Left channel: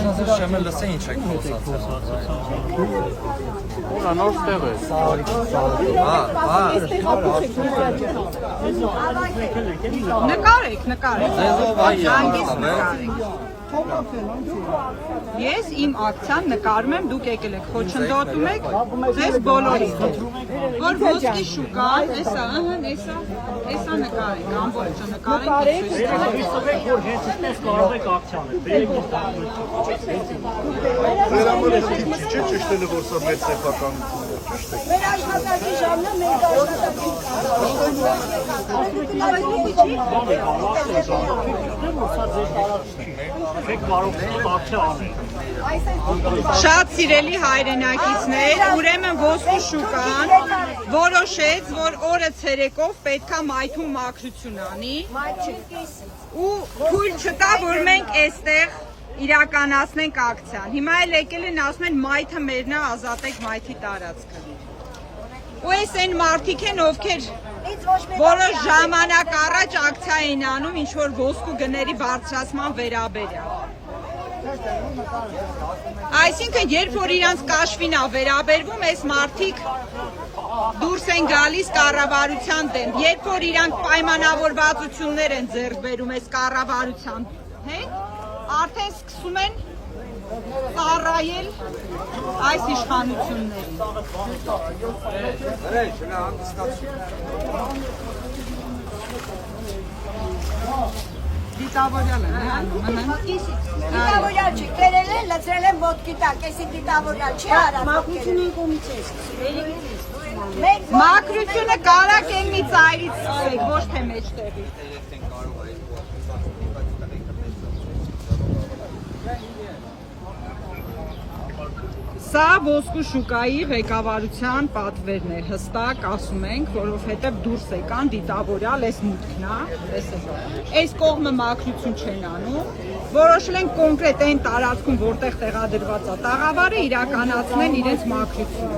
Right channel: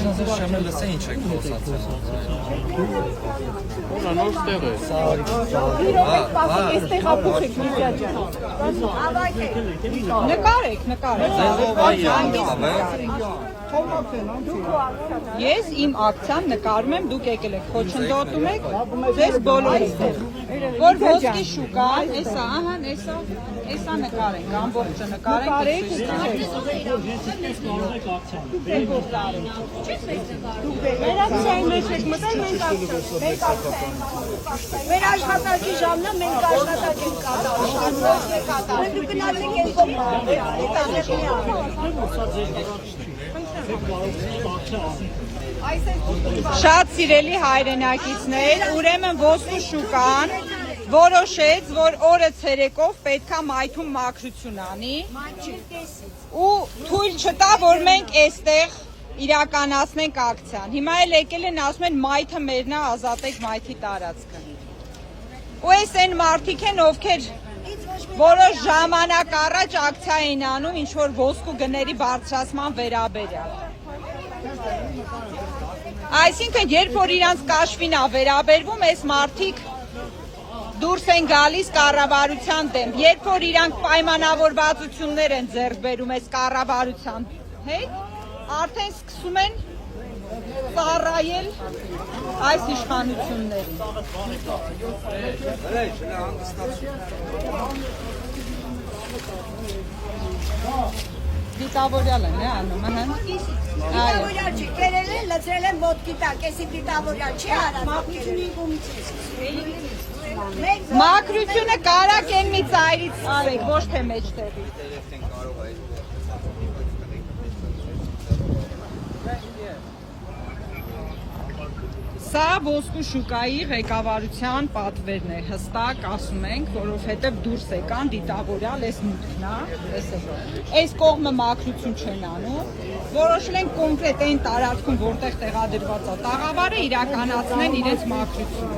Շեմը լսե ինչ եք խոսացել։ Ուրա նոր ստեղ է։ Նկարեք։ Ձեզով այ անցավ է։ Ես իմ ակցիան նկարում եմ, դուք եկել եք խոչընդոտում եք, ձեզ բոլորին։ Որ ոսկի շուկա, էսա, ահա, էսա նկարեք, ամբողջը նկարեք։ Մեր աշխատանքի ժամն է, մենք աշխատանքի Շատ սիրելի հայրենակիցներ, ուրեմն ոսկի շուկան որոշեց, որ օրը ցերեկով պետքա մայթում մաքրություն անի ու թույլ չտա, որ մենք այստեղ իրականացնենք ակցիան։ Հիմա էլ եկել են ասում են մայթը մերն է, ազատեք մայթի տարածքը։ Ու այս այն մարդիկ են, ովքեր որոշ ժամանակ առաջ ակցիա էին անում ինչ որ ոսկու գների բարձրացման վերաբերյալ։ Այսինքն, երբ որ իրանց կաշվին է վերաբերվում, այս մարդիկ դուրս են գալիս կառավարության դեմ, երբ որ իրանք պայմանավորվածություններ են ձեռք բերում այս կառավարության հետ, արդեն սկսում են ծառայել այս իշխանություններին։ Դիտավորյալ են, դիտավորյալ չի, կերել են, լծրել են ոտքի տակ, եսի դիտավորյալ չի արած։ Մաքրությունը կարակ են մի ծայրից ծայր, ոչ թե մեջտեղի։ Սա ոսկու շուկայի ղեկավարության պատվերն է, հստակ ասում ենք, որովհետև դուրս եկան դիտավորյալ, այս մուտքն է, այս կողմը մաքրություն չեն անում, որոշել են կոնկրետ այն տարածքում, որտեղ տեղադրված է տաղավարը, իրականացնեն իրենց մաքրությունը։